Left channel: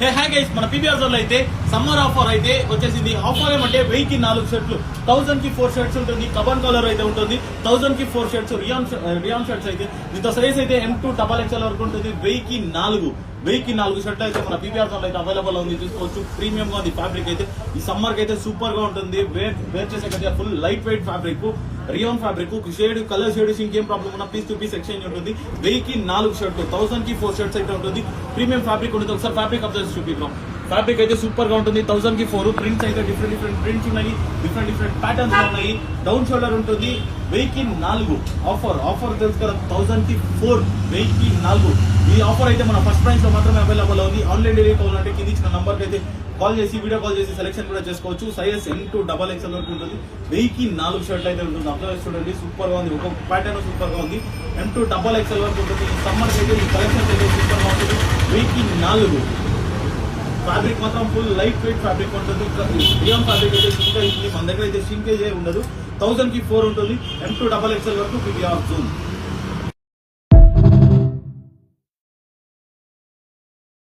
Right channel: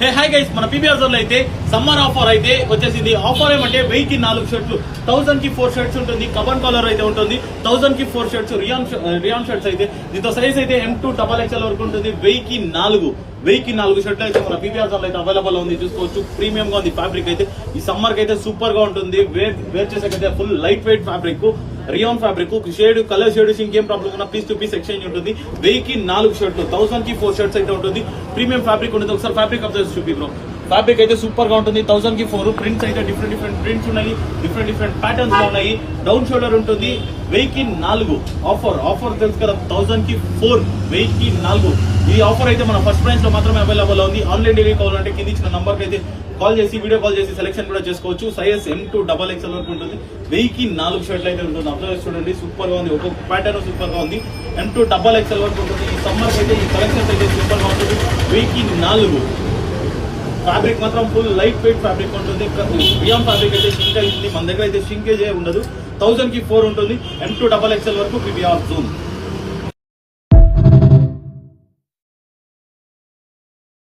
Hey hi guys, మన PBR zone లో అయితే సమ్మర్ ఆఫర్ అయితే వచ్చేసింది. ఆఫర్ ఏమంటే 1000 కి 4 షర్ట్లు, 1000 కి 4 షర్ట్స్ ఉంటుంది. కబన్ కాలర్ అయితే ఉంటుంది. 1000 కి 4 షర్ట్స్ రియాన్ షర్ట్స్ అయితే దీంతో సైజ్ అయితే M2 XXL వరకు ఉంటుంది. 1000 కి 4 షర్ట్లు అయితే మన పీబీఆర్ జోన్ లో అయితే అవైలబుల్ ఉంది. చూసుకోవచ్చు, ప్రీమియం గా ఉంది. ఫ్యాబ్రిక్ అయితే ఈ సమ్మర్ కి అయితే సూపర్ గా ఉంటుంది. వేర్ చేసేకైతే full light weight fabric, rayon fabric, shade colour shades ఇంకేం ప్రాబ్లం ఉన్నా పీస్ టు పీస్ ఎక్స్చేంజ్ ఉంటుంది. 1000 కి 4 షర్ట్లు, 1000 కి 4 షర్ట్స్ అయితే ఉంటుంది. ప్రీమియం ఫ్యాబ్రిక్ ఉంటుంది. ఒకసారి ఫ్యాబ్రిక్ అబ్జర్వ్ చూపిద్దాం. ఫ్యాబ్రిక్ అయితే సూపర్ గా ఉంటుంది. 1000 కి 4 ప్రింట్స్ అయితే డిఫరెంట్ ప్రింట్స్ ఉన్నాయి. డిఫరెంట్ ప్యాటర్న్స్ లో ఉన్నాయి. డౌన్ షోల్డర్ ఉంటుంది. 1000 కి 4 ఆఫర్ తెలుసు కదా. 1000 కి 4, 1000 కి 4 ఈ ఆఫర్ అయితే మన ఫస్ట్ ప్రైస్ లో మాత్రమే అవైలబుల్ ఉంది. ఆన్లైన్ డెలివరీ కావాలంటే కింద ఇచ్చిన నంబర్ కి అయితే కాల్ చేసి వీడియో కాల్ చేసి సెలెక్షన్ కూడా చేసుకోవచ్చు. సైజ్ M2 XXL వరకు ఉంటుంది. 1000 కి 4 షర్ట్లు అయితే ఉంటుంది. అబ్జర్వ్ చూడండి, సూపర్ గా ఉంది. ఒక్కొక్క ప్యాటర్న్ సూపర్ గా ఉంది. M2 XXL వరకు ఉంటుంది. ఈ సమ్మర్ అయితే ఈ కలెక్షన్ అయితే సూపర్ గా ఉంటుంది. 1000 కి 4 ఫ్యాబ్రిక్ మాత్రం ఫుల్ లైట్ వెయిట్ ఫ్యాబ్రిక్ ఉంటుంది. రియాన్ ఫ్యాబ్రిక్ అయితే షింకేజ్ ఉంది. మన దగ్గర అయితే షింకేజ్ ఉండదు. 1000 కి 4 ఉంటుంది. M2 XXL వరకు పీబీఆర్ జోన్.